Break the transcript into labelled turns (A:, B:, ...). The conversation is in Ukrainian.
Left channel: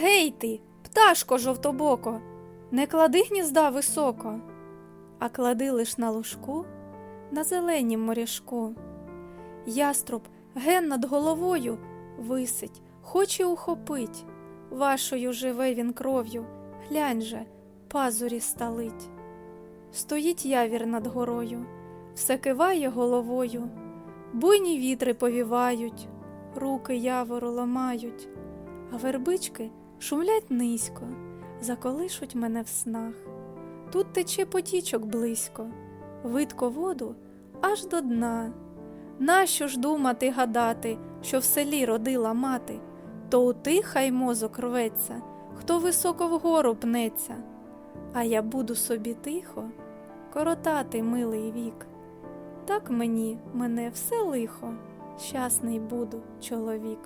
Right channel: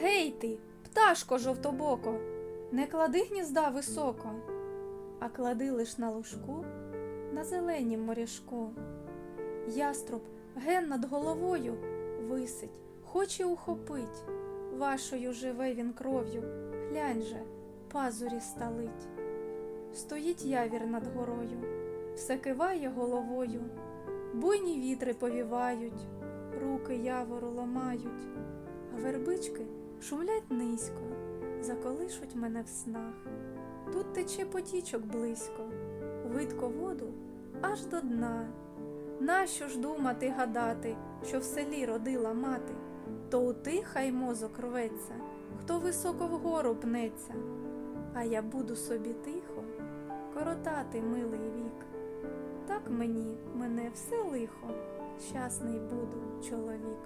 A: Гей ти, пташко жовтобоко, не клади гнізда високо, а клади лиш на лужку, на зеленім моряшку. Яструб ген над головою висить, хоче ухопить. Вашою живе він кров'ю, глянь же, пазурі сталить. Стоїть явір над горою, все киває головою, буйні вітри повівають, руки явору ламають, а вербички шумлять низько, заколишуть мене в снах. Тут тече потічок близько, видко воду аж до дна. Нащо ж думати гадати, що в селі родила мати, то у тих хай мозок рветься, хто високо вгору пнеться, а я буду собі тихо коротати милий вік. Так мені мене все лихо, щасний буду чоловік.